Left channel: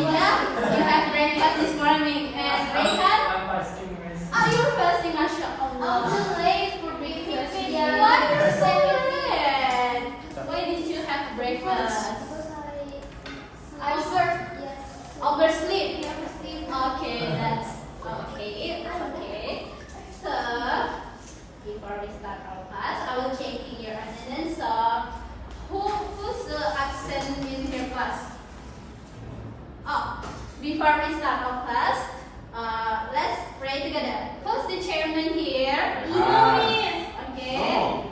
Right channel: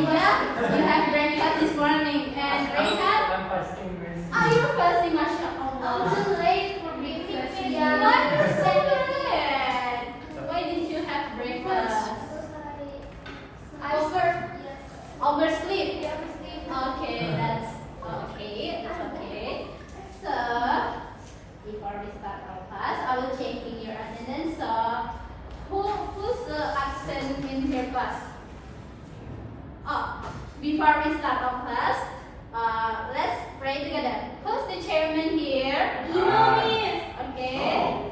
Aida, you have breakfast this morning. And Rehan, I'm fasting, miss. you're fasting, Masya Allah. I'm too late for breakfast. Why you're so late? Why did you have breakfast? I slept. Oversleep. Yeah, I sleep. Okay, that's okay. That's okay. So, before we start our class, I will checking your attendance. So, who's absent in your class? Oh, before we start our class, let's pray together. Who's the chairman here? Okay.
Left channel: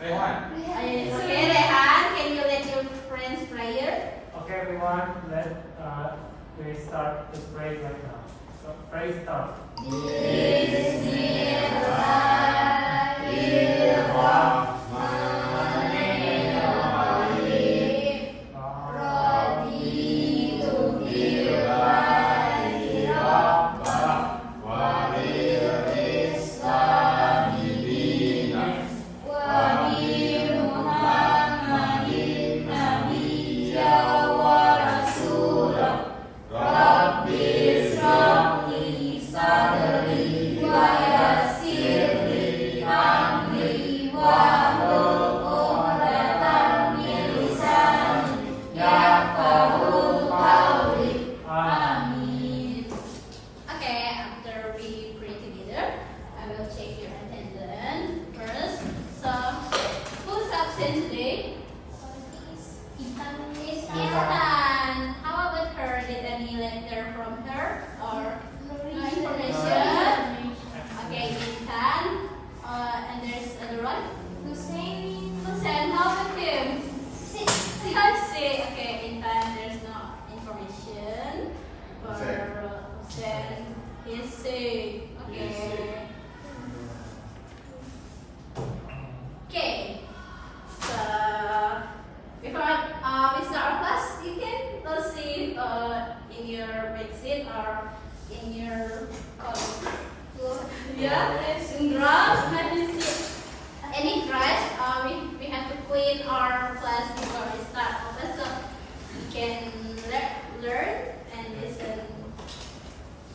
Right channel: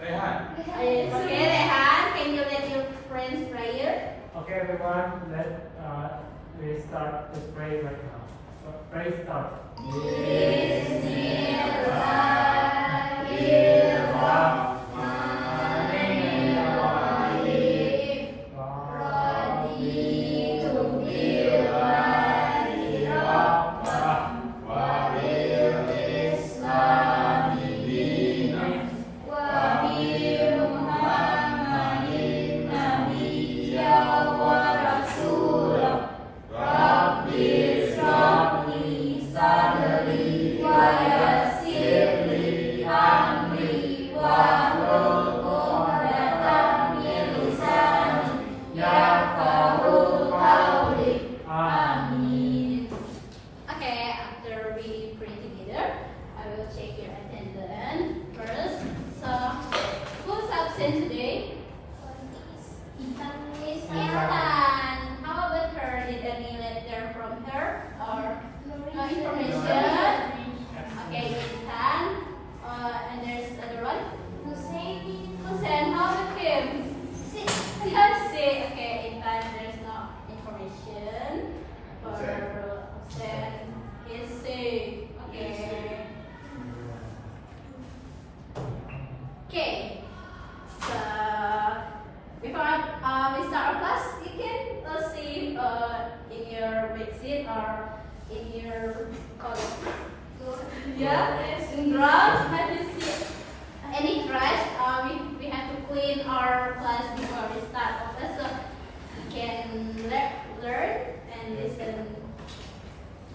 Rehan. Okay, Rehan, can you lead your friends prayer? Okay, everyone, we start to pray right now. So, pray start. Okay, after we pray together, I will check your attendance first. So, who's absent today? Ethan. How about her? Did any letter from her or no information? Okay, Ethan. And there's another one. Hussein, how about him? Sick. Okay, Ethan, there's no information for Hussein. He's sick. Okay. Okay. So before we start our class, you can see in your bedsheet or in your in draft. Have you seen any trash? We have to clean our class before we start our class, so you can learn and listen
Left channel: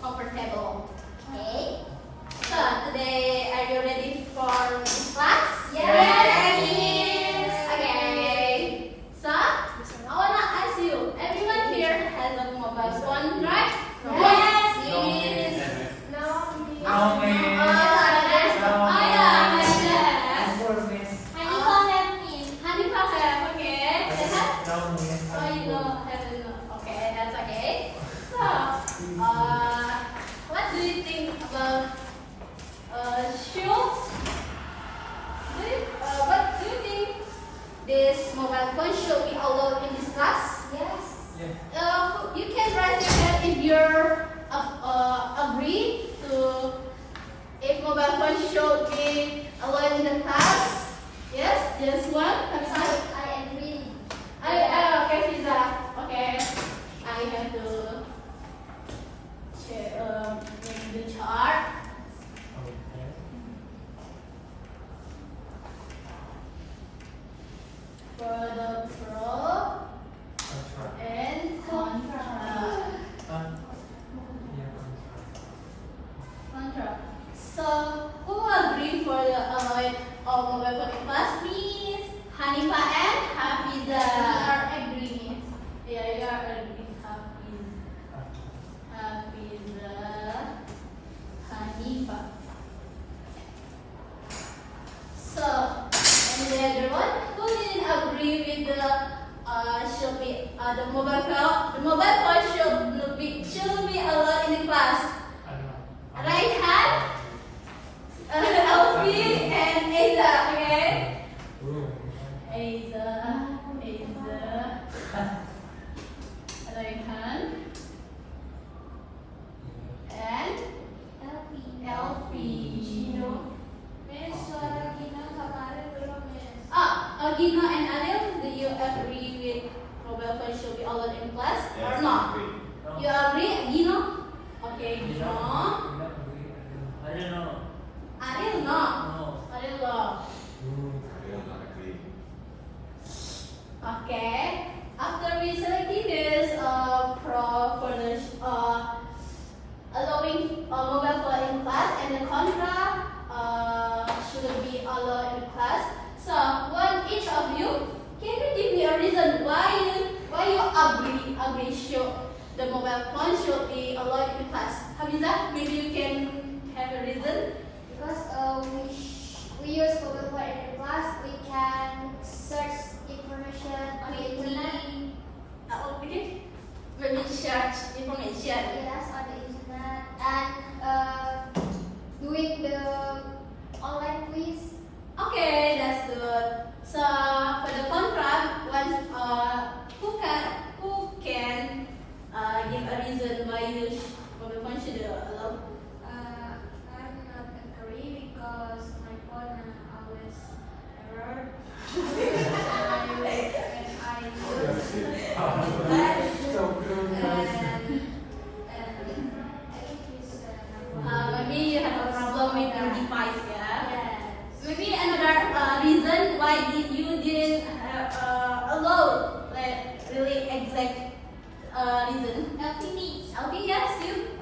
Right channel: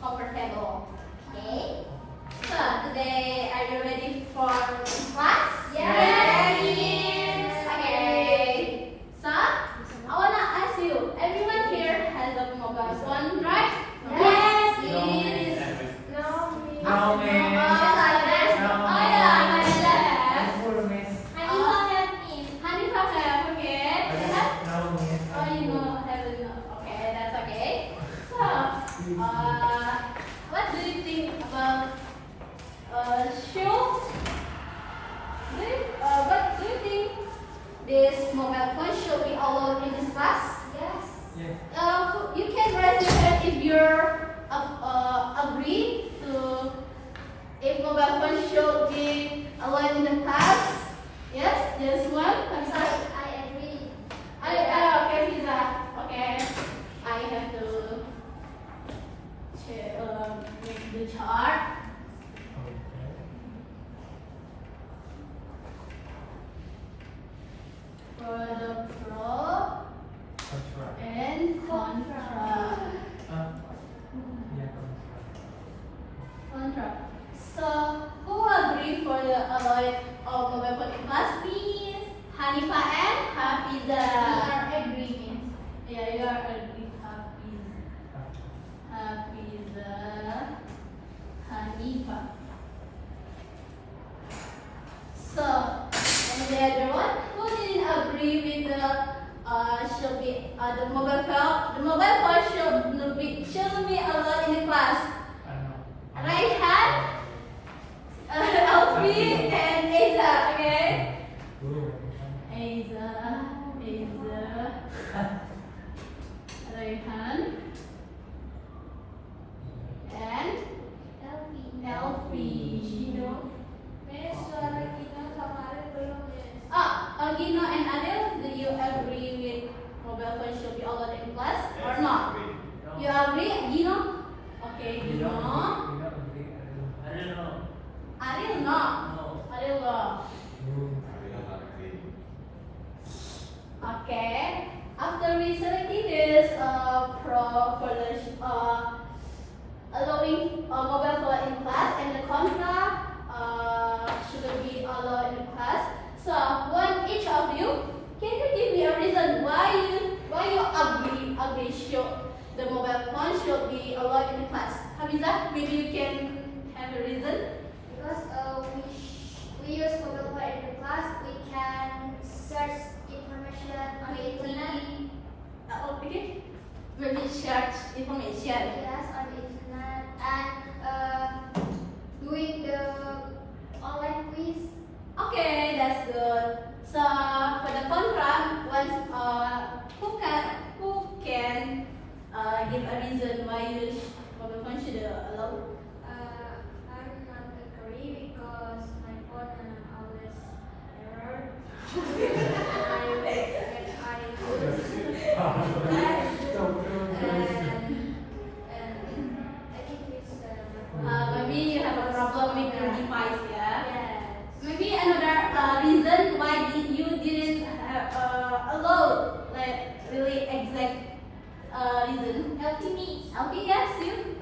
comfortable. Okay. So today, are you ready for class? Yes. Okay. So I wanna ask you. Everyone here has a mobile phone, right? Yes. Yes. No. No, miss. Answer, miss. Honey Pakai, okay. No, miss. Oh, you know, okay, that's okay. So, what do you think about shoes? What do you think this mobile phone should be allowed in this class? Yes. Yeah. You can raise your hand if you're agree to if mobile phone should be allowed in the class. Yes, just one. Kamsai. I agree. Okay, Fiza. Okay, I have to make the chart. Okay. Product pro That's right. and contra. Yeah, Contra. So, who agree for the allowed of mobile phone in class? Miss Hanifa and Hafiza. Agree. Yeah, you are agree. Hafiza, Hanifa. So, and the other one, who didn't agree with the should be the mobile phone? The mobile phone should be allowed in the class. I know. Right hand, Alfie and Aiza. Okay. Aiza, right hand, and Elfie. Miss, suara Gina sama Ariel belum, Miss. Gino and Adel, do you agree with mobile phone should be allowed in class or not? You agree, Gino? Okay, Gino. I don't know. Ariel, no. No. Ariel, no. Okay. After we select this Prof allowing mobile phone in class, and the contra shouldn't be allowed in class. So, one each of you, can you give me a reason why you agree should the mobile phone should be allowed in class? Hamiza, maybe you can have a reason. Because we use mobile phone in the class, we can search information on the internet. Okay, when you search information. Yes, on the internet, and doing the online quiz. Okay, that's good. So for the contra, who can give a reason why you mobile phone should allow? I'm not agree because my phone always error. Maybe you have a problem with your device, yeah? Yes. Maybe another reason why you didn't allow, like really exact reason. Helping me. Okay, yes, you.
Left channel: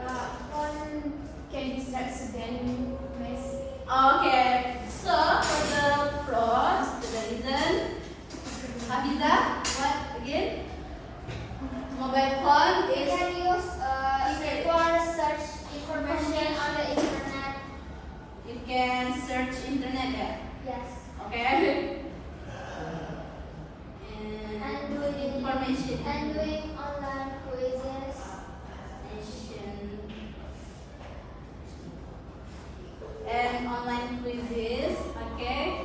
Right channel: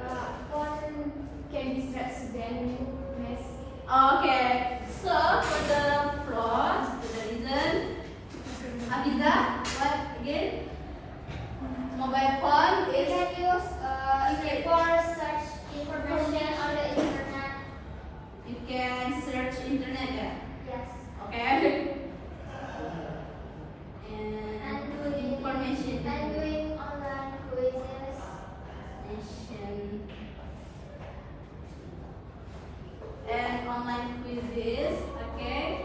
Phone can distract student. Okay, so for the fraud, the reason, Hafiza, what again? Mobile phone We is can use for search information on the internet. you can search internet, yeah. Yes. Okay. And And doing information. and doing online quizzes. Information. And online quizzes, okay.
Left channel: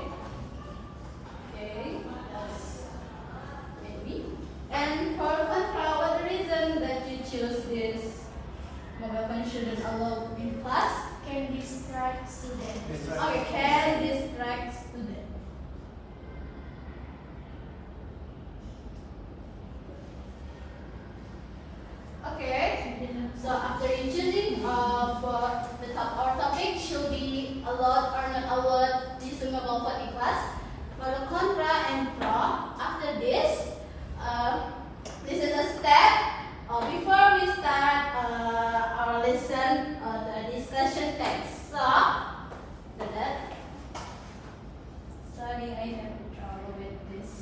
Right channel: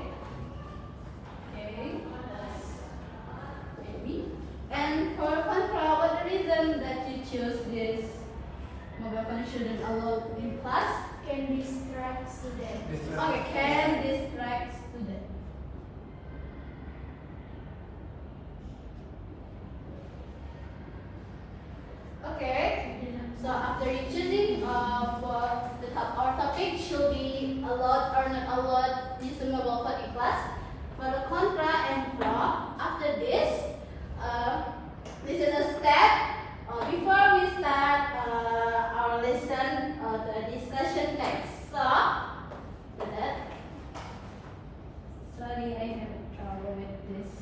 Okay, that's maybe. And for contra, what the reason that you choose this mobile phone shouldn't allow in class? Can distract students. Okay, can distract student. Okay, so after you choosing for the top our topic should be allowed or not allowed using mobile phone in class. For the contra and pro, after this, this is a step before we start our lesson, the discussion text. So, that. Sorry, I have trouble with this.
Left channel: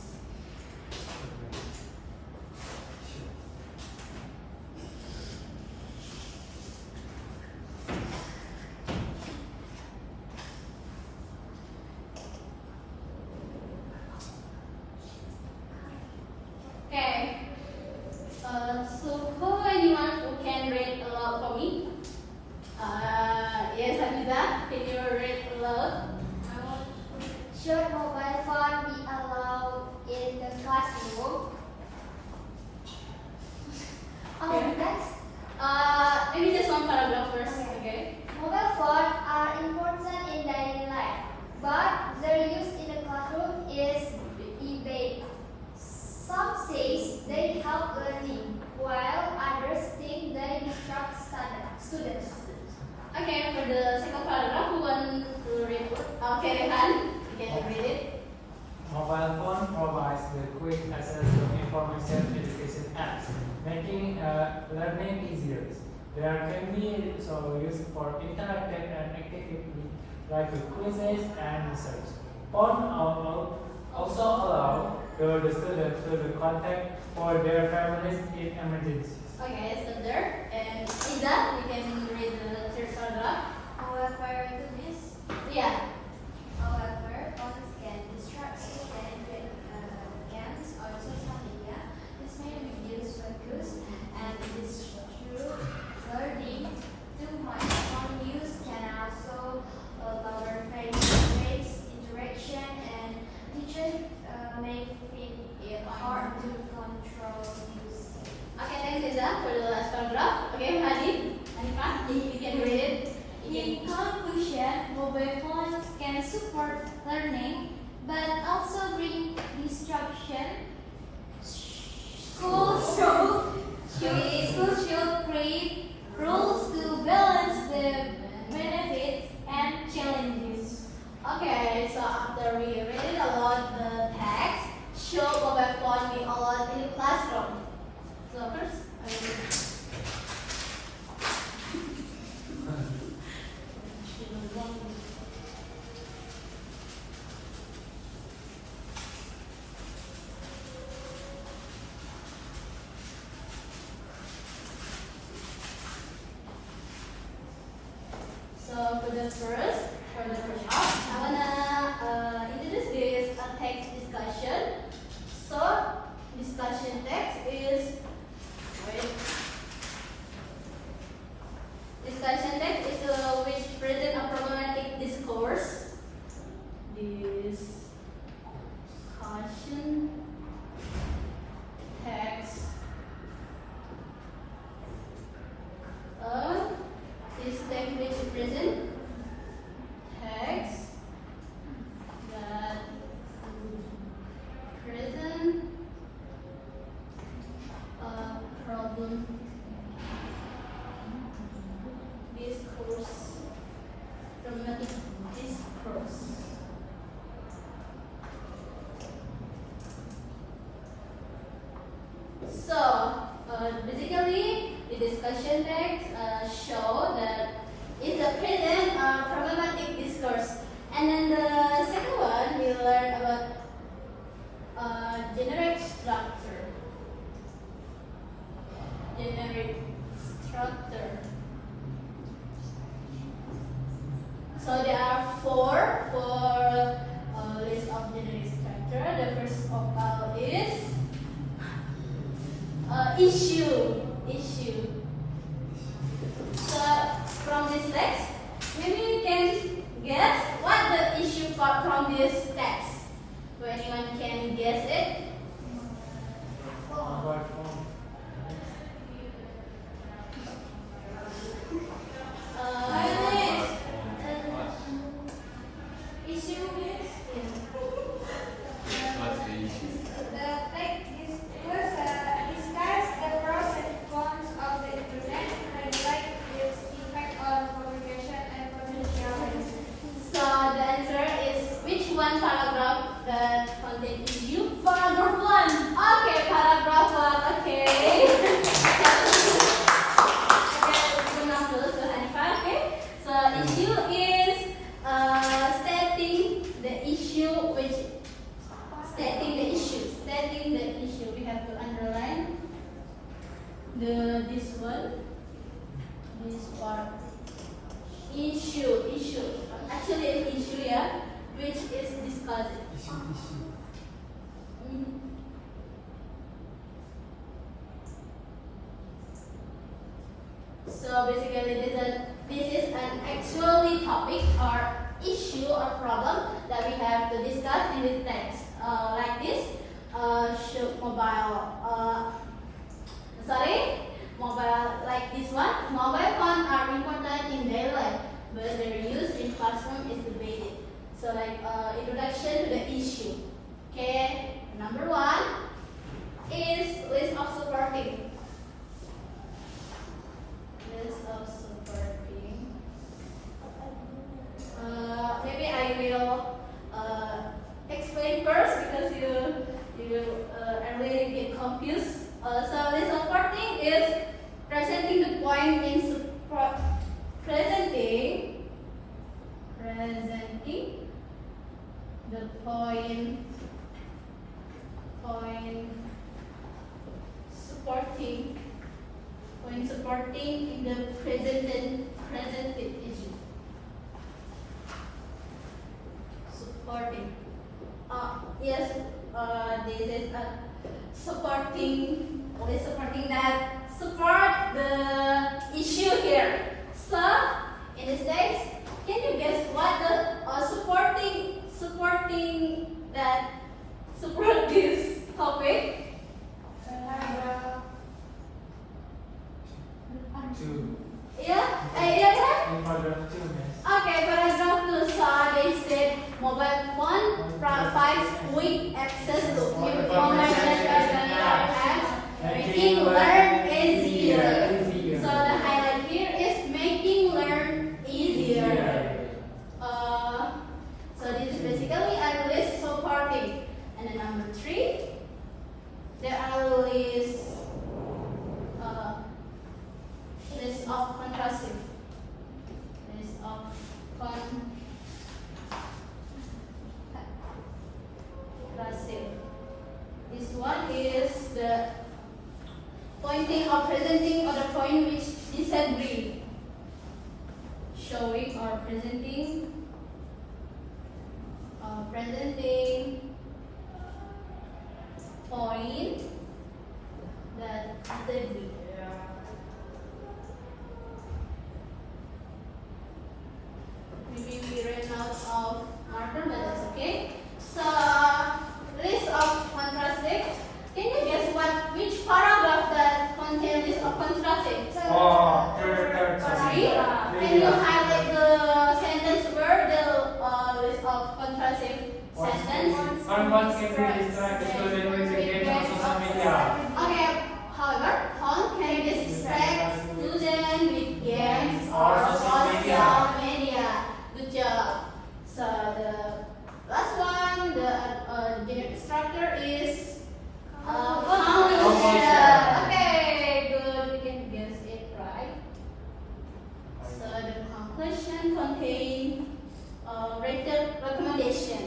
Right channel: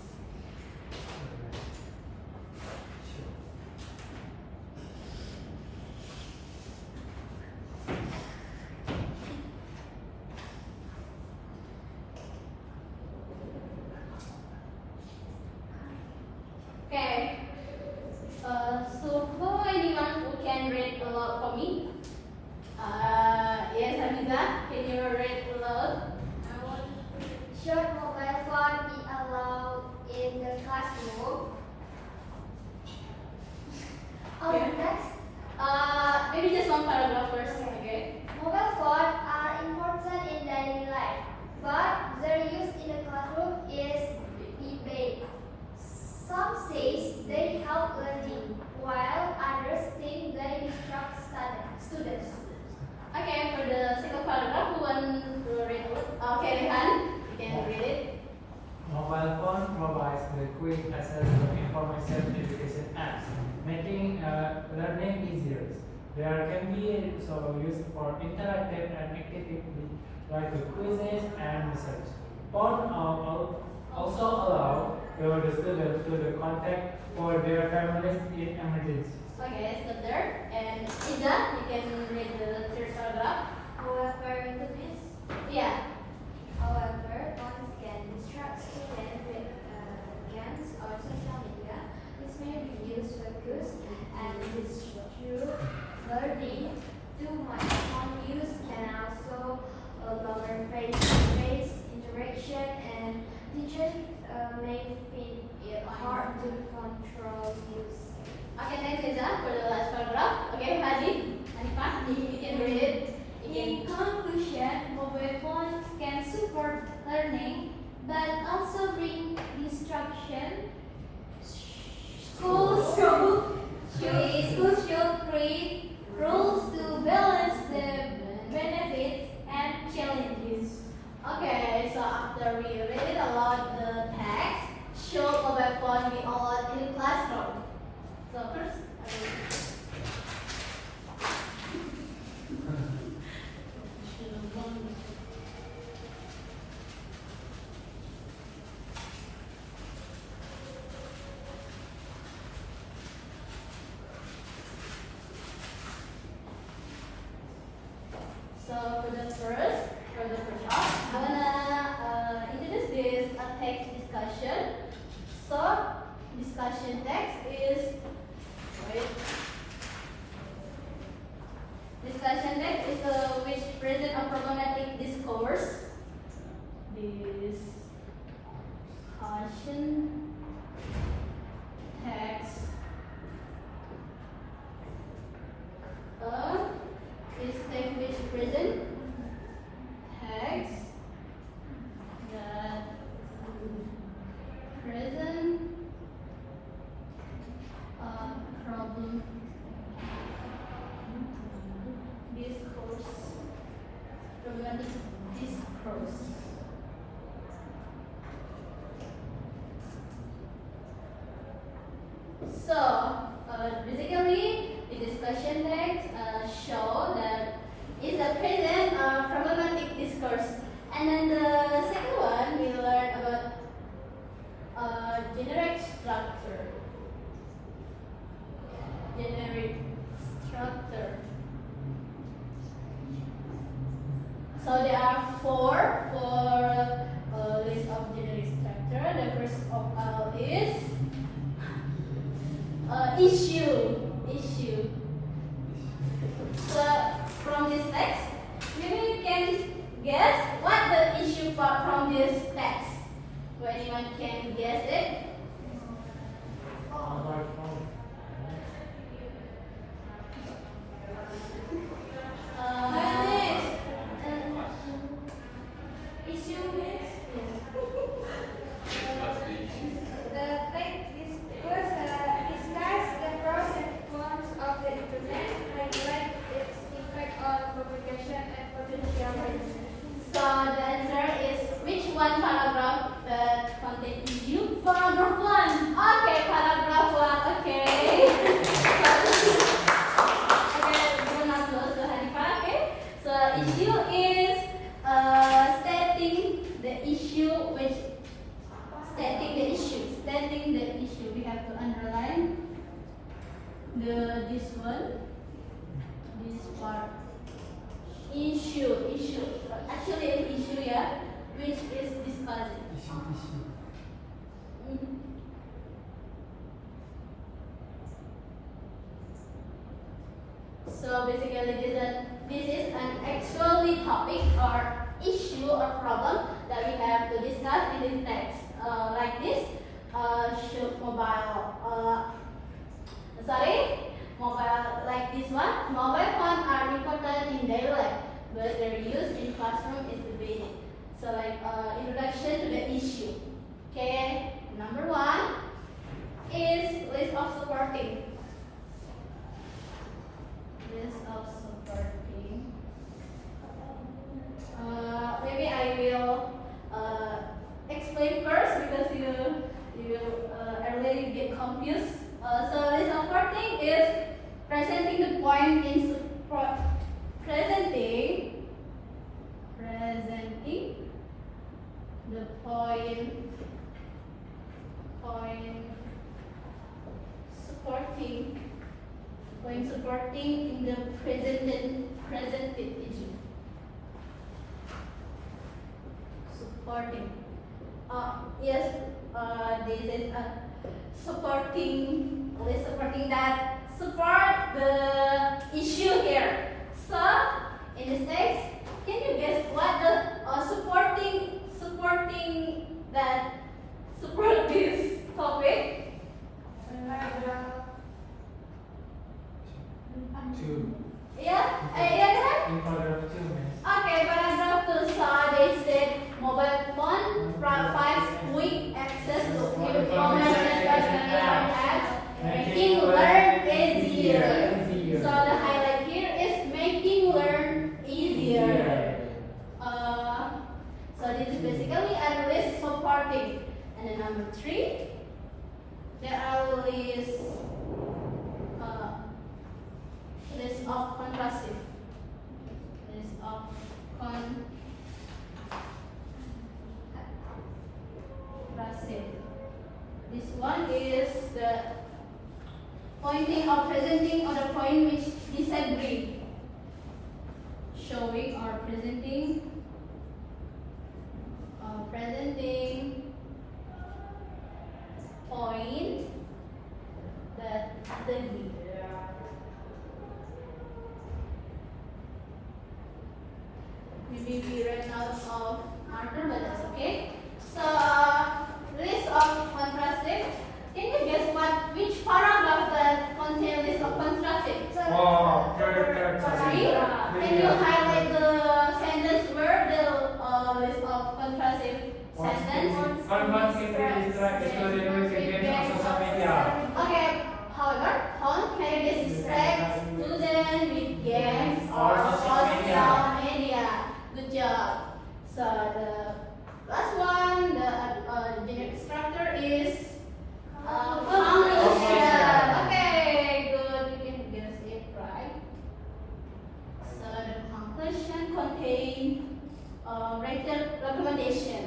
Okay. So who anyone who can read aloud for me? Yes, Hamiza, can you read aloud? Should mobile phone be allowed in the classroom? Oh, Yeah. next. Maybe just one paragraph first, okay? Mobile phones are important in daily life, but their use in the classroom is debated. Some say they help learning, while others think they distract students. Okay, for the second paragraph, who want to read it? Okay, Rehan, you can read it. Mobile phone provides the quick access to information education apps, making learning easier. They can be used for interactive and activities like quizzes and research. Phone also allow the students to contact for their families in emergencies. Okay, so there. And Iza, you can read the third paragraph. However, Yeah. phones can distract students with games or social media. This may reduce focus and disrupt learning. Too much phone use can also lower face-to-face interaction, and teachers may find it hard to control use. Okay, thanks Iza for the last paragraph. Okay, Hanifah, you can read it. You In can. conclusion, mobile phones can support learning but also bring distraction. Schools should create rules to balance the benefits and challenges. Okay, so after we read it aloud the text, should mobile phone be allowed in the classroom? So first, first, for the first part, I wanna introduce this text discussion. So, discussion text is wait. Discussion text is which present a problematic discourse. Discussion text is text which present text that present a problem discourse, problematic discourse. So, basically, the discussion text show that is the present problematic discourse. And then the second one, we learn about generic structure. Generic structure. So there are four list of generic structure. The first of all is issue. So from this text, maybe you can guess what the issue part from this text. So anyone can guess it? Mobile phone. So the answer is which one paragraph that contain issue? Paragraph 1. Okay, paragraph 1. Okay. Okay. So issue is stating the issue which stating the issue. We have to underline this part. Issue. Actually an issue, yeah, which is discussed. Mhm. So basically this is an actually topic or issue or problem that we have to discuss in this text. Like this, should mobile like this one. Mobile phones are important in daily life, but their use in classroom is debated. So like introduction to the issue. Okay, number 1 is list of supporting. List of supporting. Maybe I will explain first because you already get confused. So list of supporting is presenting the point in support. Presenting the point supporting in the presented issue. Supporting. Yes, this is supporting that support the issue here. So in this text, can you guess what the supporting that support this topic? Two. Yeah, idea that? In paragraph 2, miss. Okay, paragraph 2. So they said mobile phone provides quick access to information making learn easier. So the highlight here is making learn easier. So this is basically a list supporting. And then number 3, there are list of contrasting. List of contrasting. This one is the pointing or presenting or the point which disagree. Show showing or presenting point that maybe we ran out of marker, but that's okay. So list of contrastive. Can you guess which paragraph that contains list of contrastive? Oh, third, sorry. Three. Can you highlight the sentence where the list of contrastive sentence? One can distract student with games on social media. Okay. However, phone can distract student with games or social media. Good job. So the last one, the instructor is conclusion. Okay, good. You can guess it right. So the conclusion contains recommendation.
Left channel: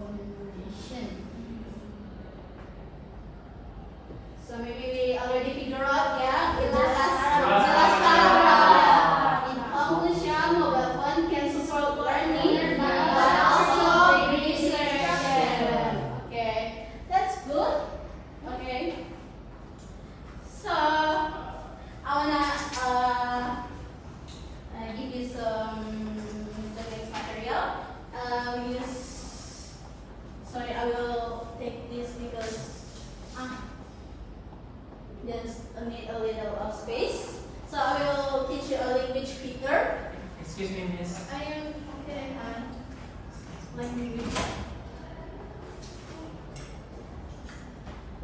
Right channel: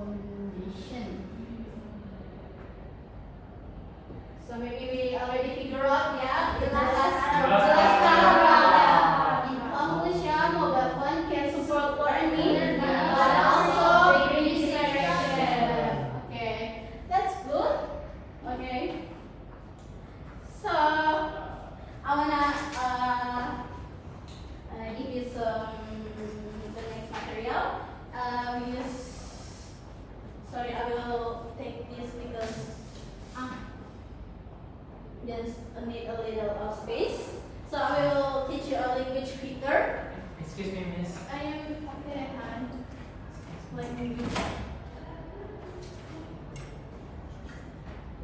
Recommendation. So maybe we already figure out, yeah, the last paragraph. In conclusion, mobile phone can support learning, but also bring distraction. Okay, that's good. Okay. So I wanna give you some the next material. Sorry, I will take this because there's need a little of space. So I will teach you a language picker. Excuse me, miss. I am okay.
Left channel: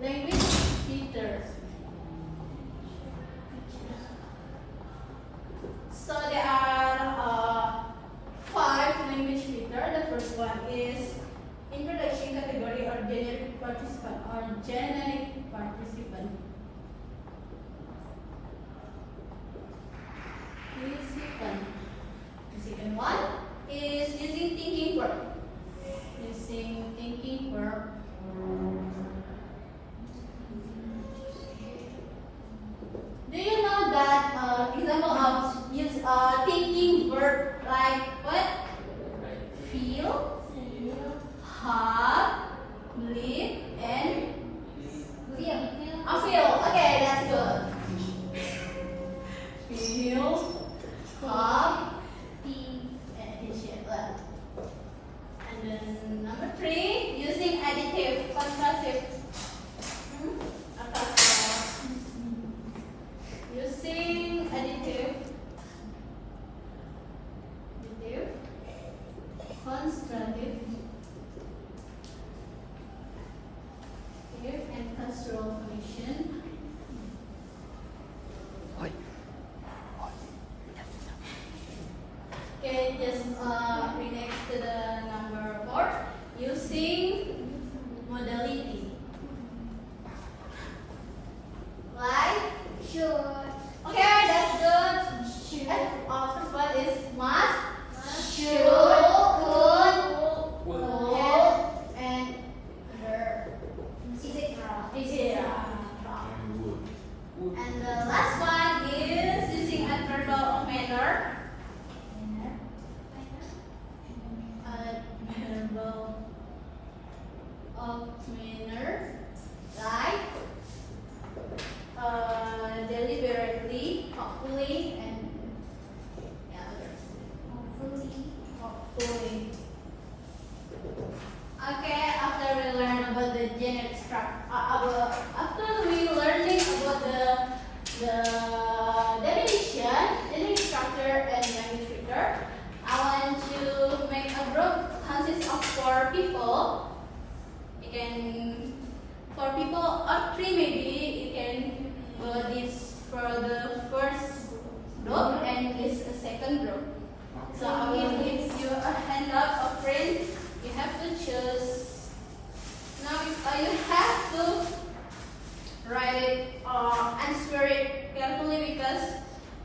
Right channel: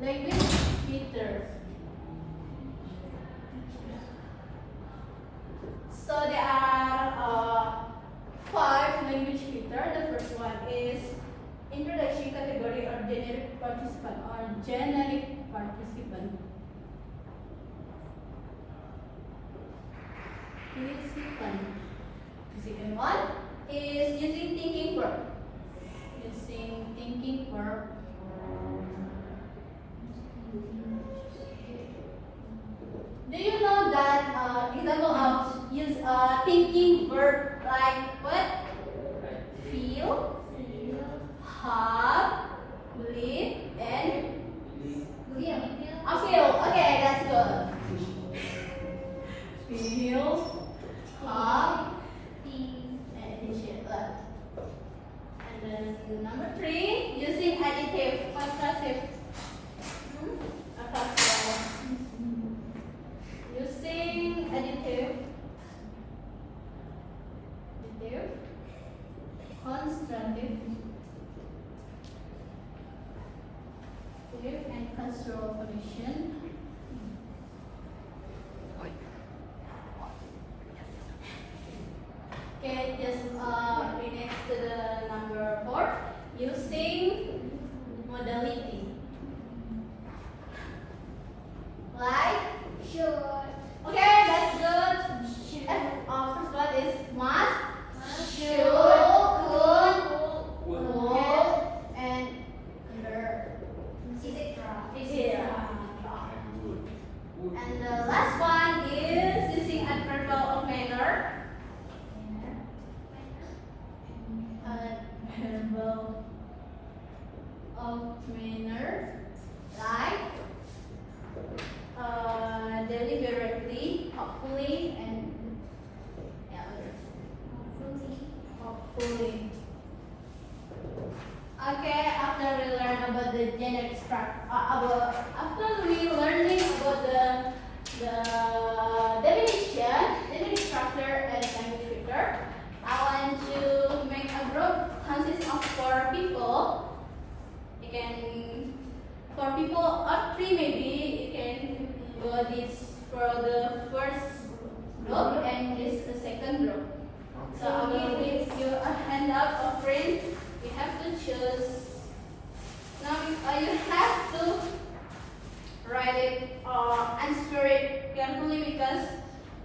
Language picker. So there are 5 language picker. The first one is introduction category or generic participant Participant. The second one is using thinking verb. Using thinking verb. Do you know that example of use thinking verb like what? Feel, have, live, and feel. Okay, that's good. Feel, have, and appreciate. And then number 3, using additive, contrastive. Apa? Using additive, constructive, and construal function. Okay, just read next to the number 4. Using modality. Like should. Okay, that's good. Should. First one is must, should, could, would, and under. Is it wrong? And the last one is using adverbial of manner. Adverbial of manner, like deliberately, hopefully, and hopefully. Okay, after we learn about the generic structure, after we learning about the definition, generic structure, and language filter, I want to make a group consists of 4 people. You can 4 people or 3 maybe. You can go this for the first group and this the second group. So I will give you a handout of print. You have to choose. Now you have to write it or answer it carefully because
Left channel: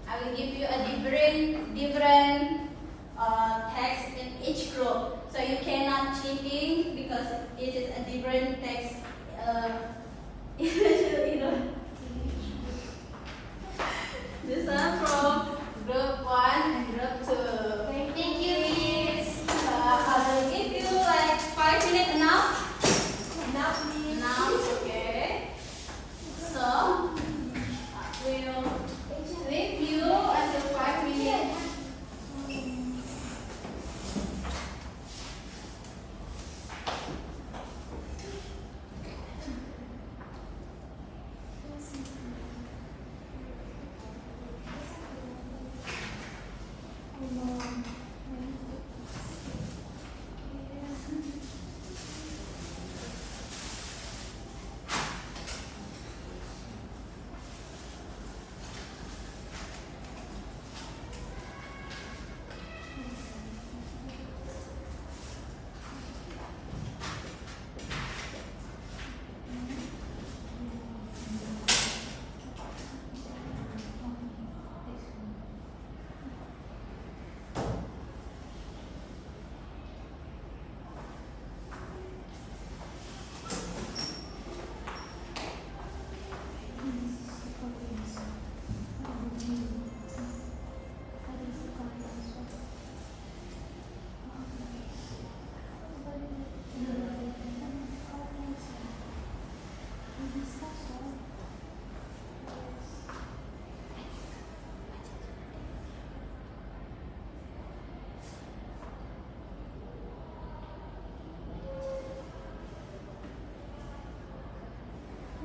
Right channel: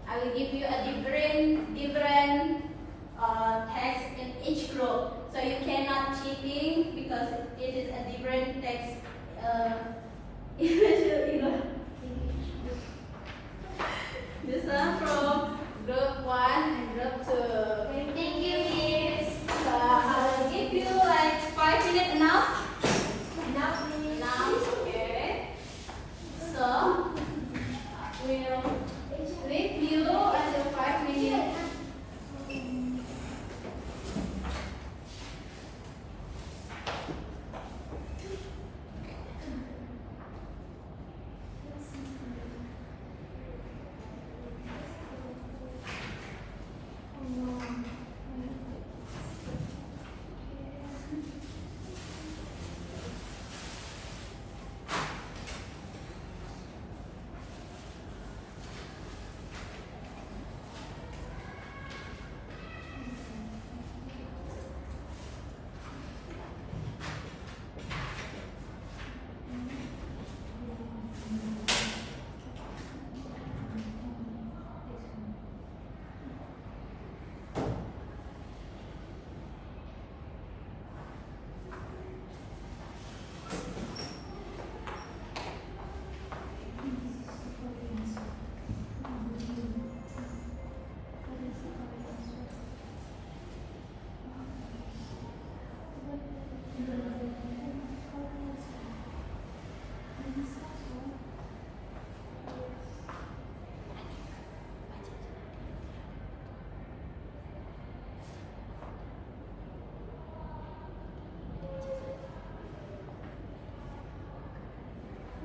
I will give you a different text in each group. So you cannot cheating because it is a different text. You know. This one from group 1 and group 2. Thank you, Miss. So I will give you like 5 minutes enough. Now, Miss. Now, okay. So we'll leave you until 5 minutes.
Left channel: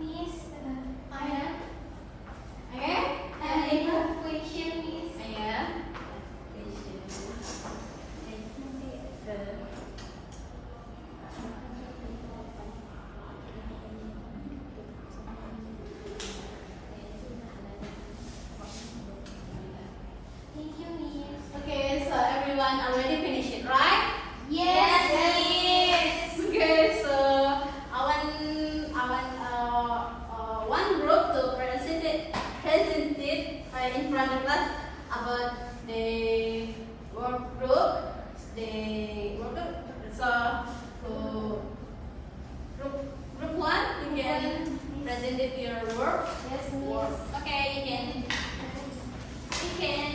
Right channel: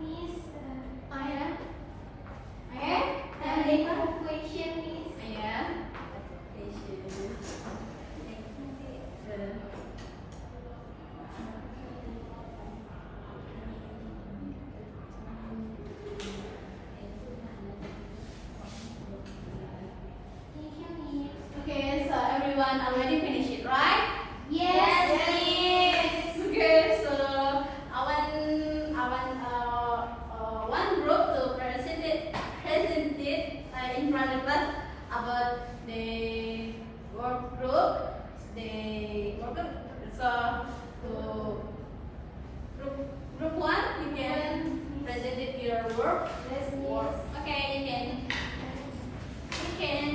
Miss, Ayah. I have a question, Miss. Ayah. Thank you, Miss. Okay, so everyone already finished it, right? Yes, Miss. Okay, so one group to present it in front of us about the work group. So group 1, you can present it your work. Yes, Work. Miss. Okay, you can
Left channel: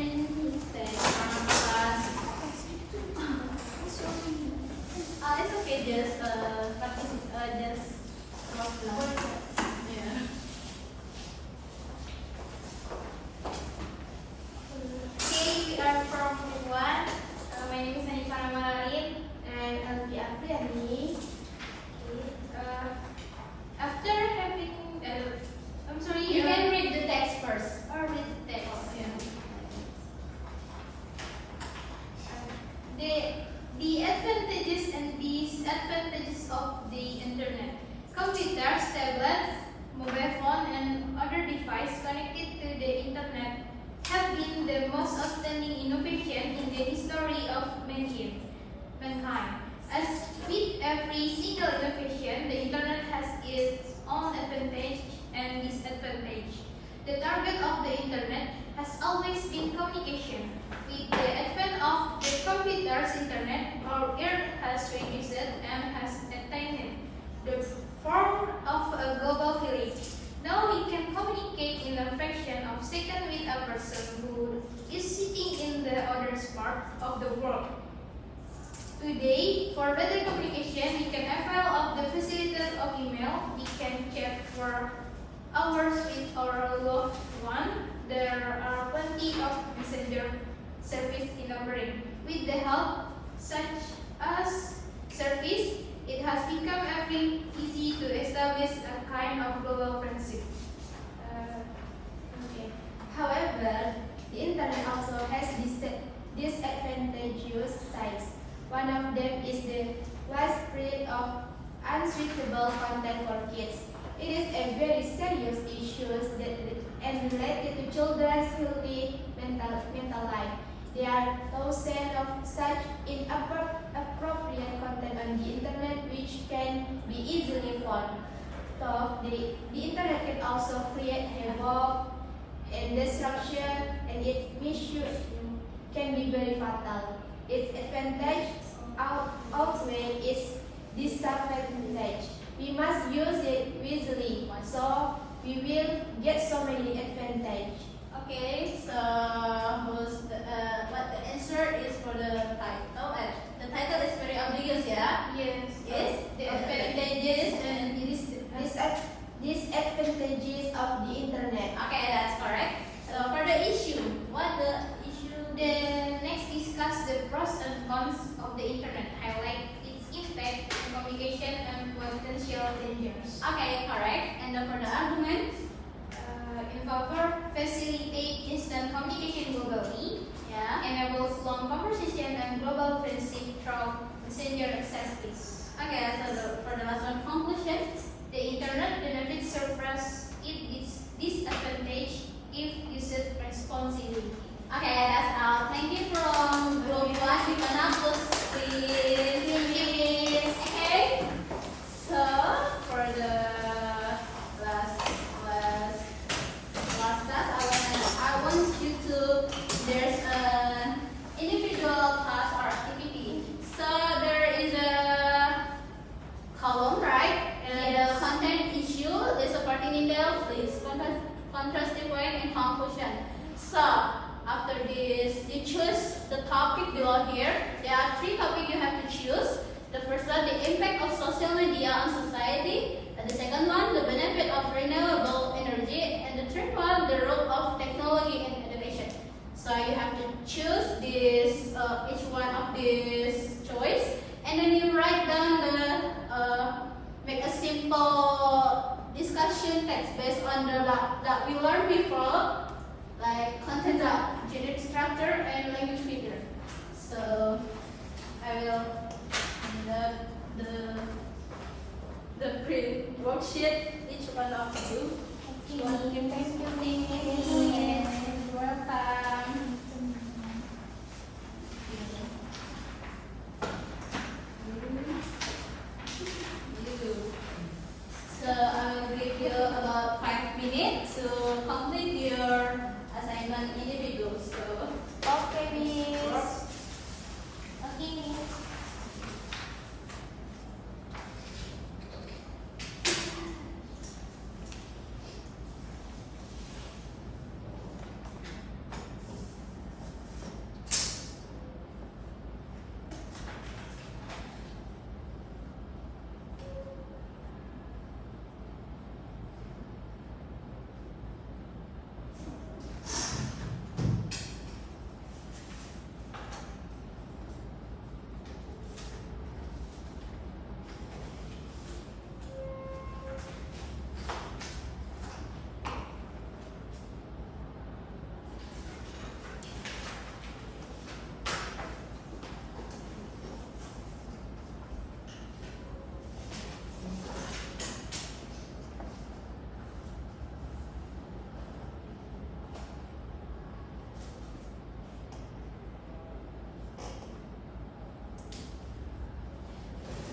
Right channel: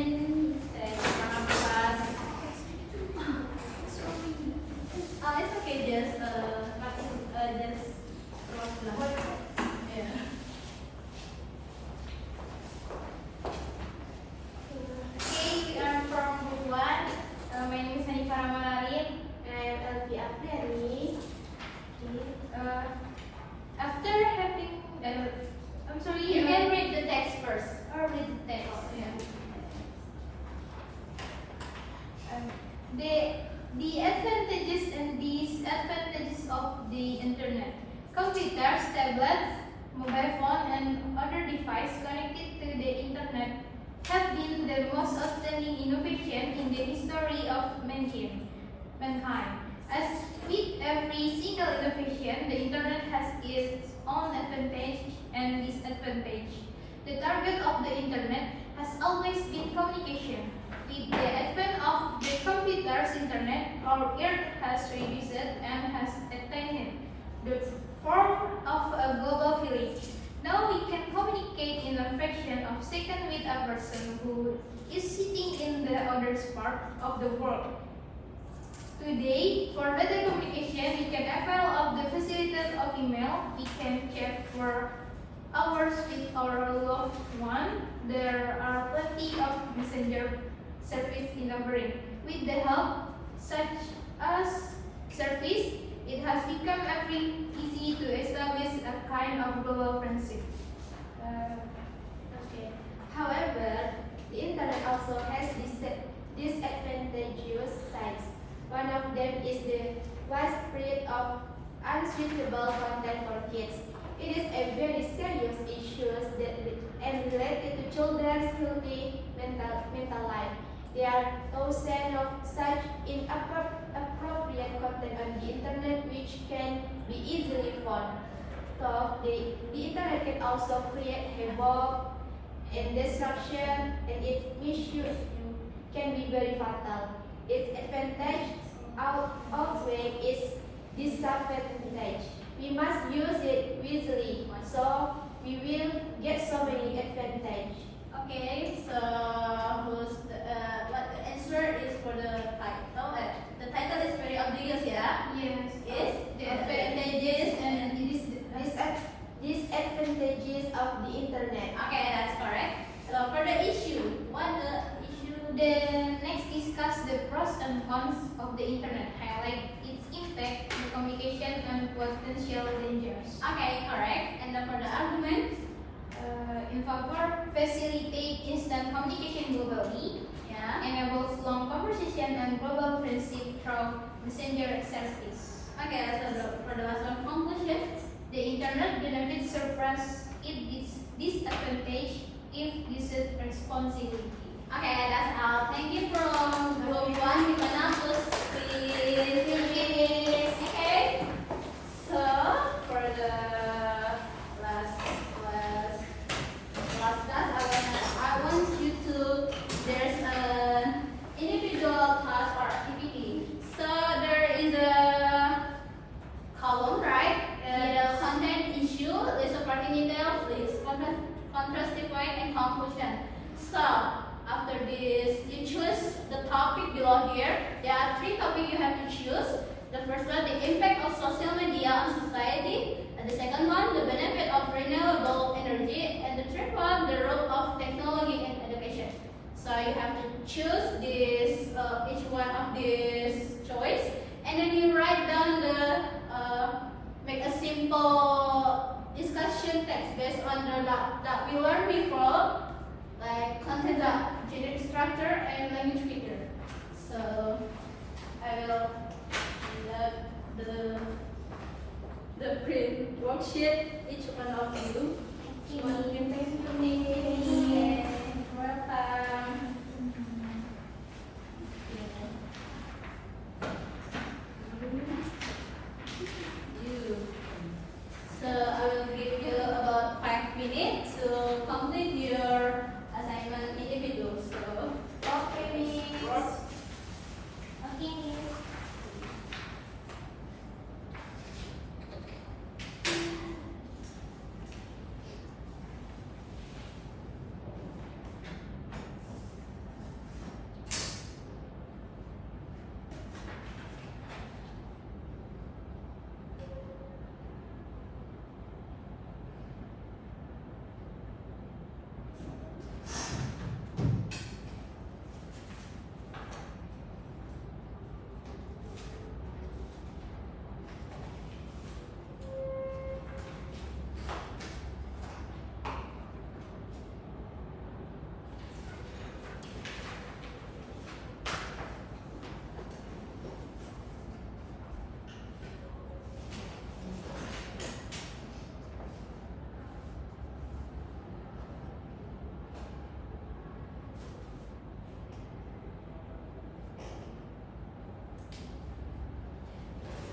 stay in front of us. It's okay, just yeah. Okay, we are from group 1. My name is Hanifah Ramalarin and Elvi Afriani. Okay. After having, I'm sorry, You can read the text first. or read the text. Yeah. The advantages and disadvantages of the internet. Computers, tablets, mobile phone, and other devices connected to the internet have been the most outstanding innovation in the history of mankind. As with every single innovation, the internet has its own advantage and disadvantage. The target of the internet has always been communication. With the advent of the computer's internet, our earth has reduced and has attained the form of a global village. Now we can communicate in a fraction of a second with a person who is sitting in the other part of the world. Today, for better communication, we can avail of the facilities of email. We can chat for hours with our loved one. There are plenty of messenger service in our brain. With the help such as service, it has become very easy to establish a kind of global friendship. Okay. However, the internet also has disadvantageous sides. One of them is the widespread of unsuitable content for kids. It is a very serious issue and related to children's healthy mental life. There are thousands of such inappropriate content on the internet which can be easily found. So the internet can also create havoc and destruction, and its misuse can be very fatal. Its advantage outweigh its disadvantage. We must use it wisely, so we will get so many advantages. Okay, so what the answer is for the title? The title is very obvious, yeah. Yes. Is The advantages and Disadvantages of the internet. okay, that's correct. So for the issue, what the issue? The next discuss the pros and cons of the internet, highlight its impact on communication and potential dangers. Okay, correct. And then for the arguments, In favor, facilitate instant communication globally, yeah. enables long conversation and global friendship through messenger service. Okay, for the last one conclusion, The internet benefits surpass its disadvantage if used responsibly. okay, that's all. Thank you from room one. We're gonna close please. Okay. So for the last class, I want you to there's an individual class or activity. So there is a column, right? The content issue, the supporting details, list, contrastive point, and conclusion. So after this, you choose the topic below here. There are 3 topics you have to choose. The first one, the impact of social media on society. And the second one, the benefit of renewable energy. And the third one, the role of technology in education. So you have to choose this each one of these choice, and then you write down make a simple discussion text based on the that we learned before, like content, generic structure, and language figure. So I will the print worksheet each one of you. Thank you. Welcome. So I will give you about 5 minutes to complete your assignment individual. So Okay, Miss. Okay, Miss.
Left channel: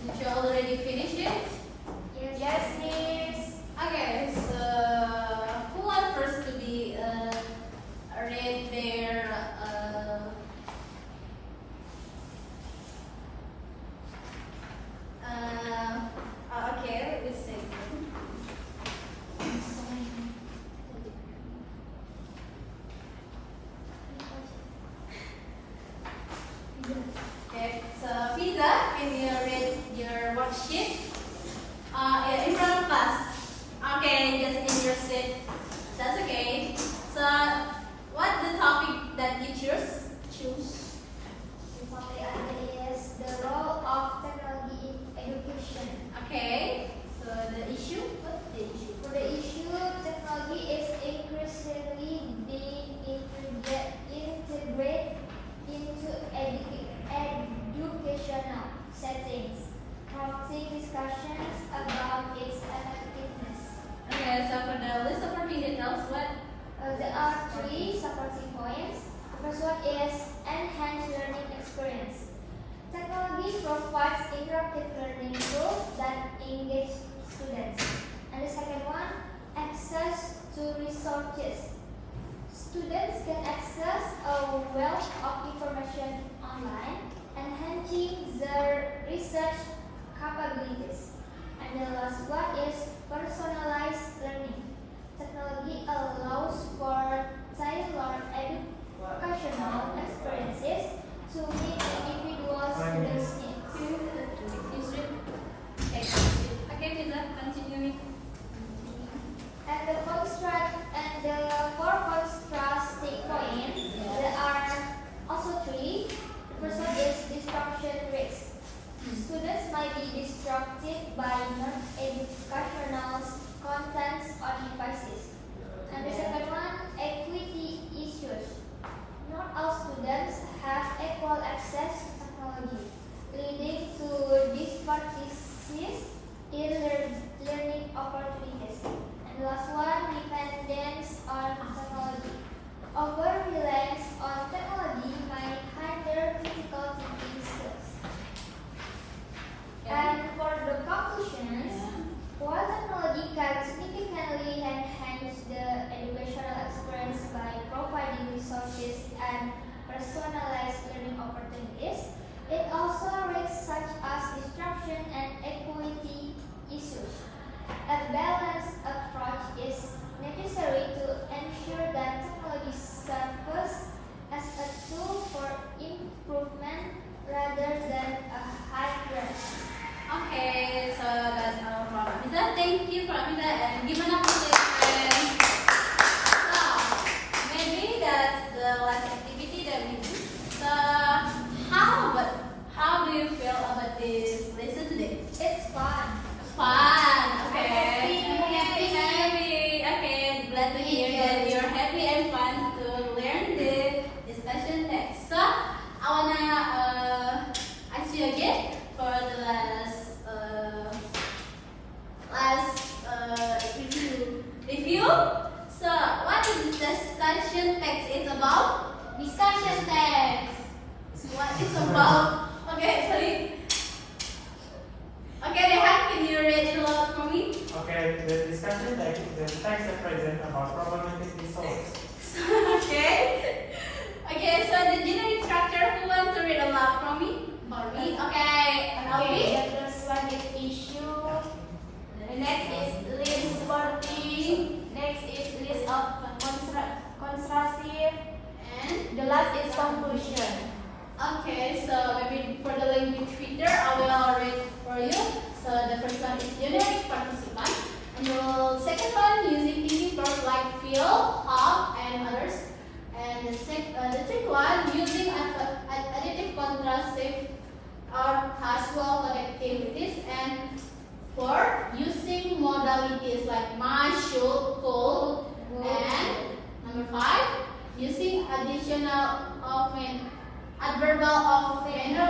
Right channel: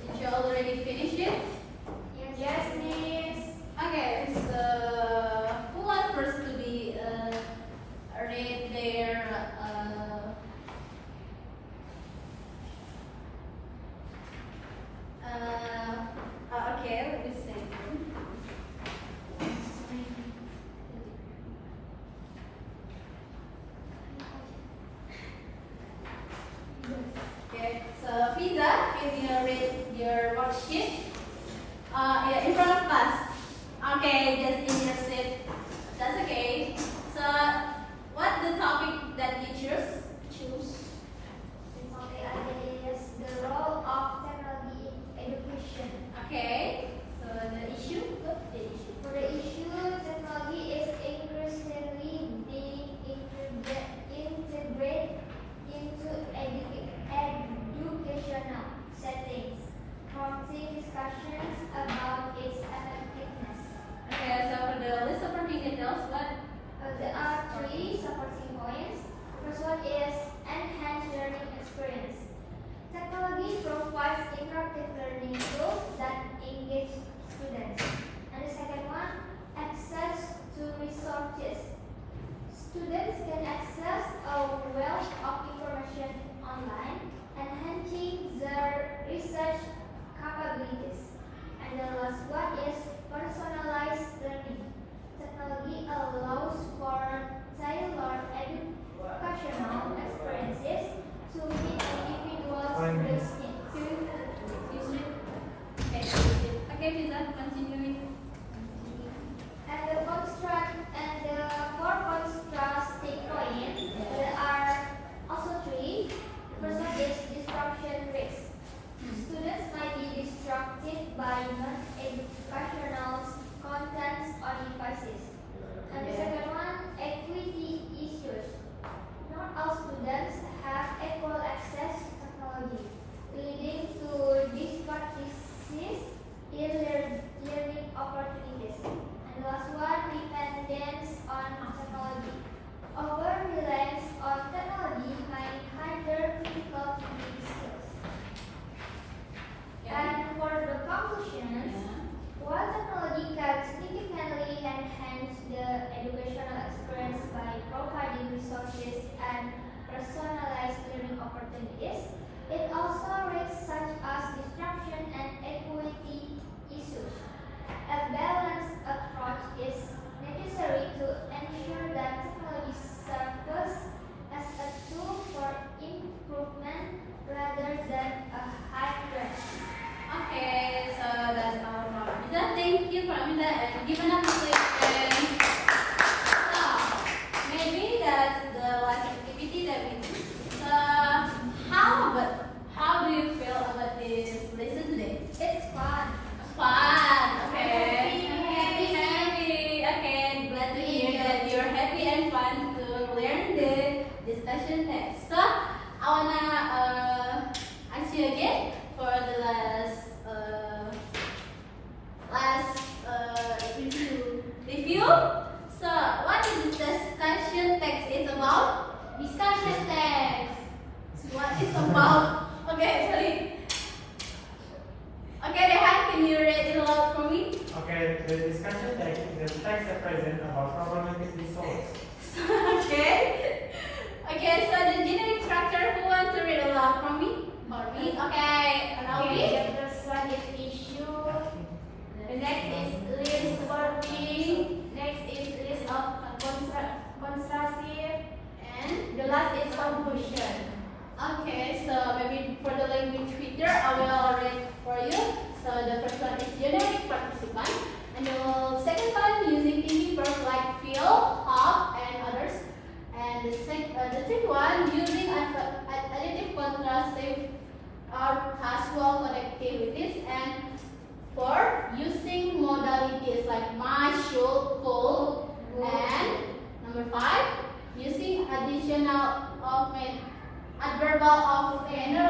did you already finish it? Yes, Miss. Okay, so who wants first to be read their okay, let me see. Okay, so Fiza, can you read your worksheet? Yeah, in front of class. Okay, just in your seat. That's okay. So, what's the topic that you choose? The topic is the role of technology in education. Okay. So the issue. What's the issue? For the issue, technology is increasingly being integrated into educational settings, prompting discussions about its effectiveness. Okay. So for the list of details, what? There are 3 supporting points. The first one is given up music and maybe that's the last activity that we do. So how do you feel about this lesson today? It's fun. Fun. Okay. Happy. Happy. Okay. Glad to hear that you're happy and fun to learn the discussion text. So I wanna ask you again for the last review. So what is the discussion text is about? Discussion text. What is about? Okay, sorry. Okay, Rehan, can you read it aloud for me? Okay, the discussion text are present about problematic disorders. Okay. Okay, so the generic structure, who wants to read aloud for me? Barbie. Okay, and I'll read. The first one is issue. The next is list wording. Next is list of constructive. And The last is conclusion. okay, so maybe for the language feature, I will read for you. So the first one is generic participant, and the second one using easy verbs like feel, have, and others. And the third one using adjective, contrastive, or casual connectivities. And four using modalities like must, should, could. And number five using additional augment, adverbal augmenter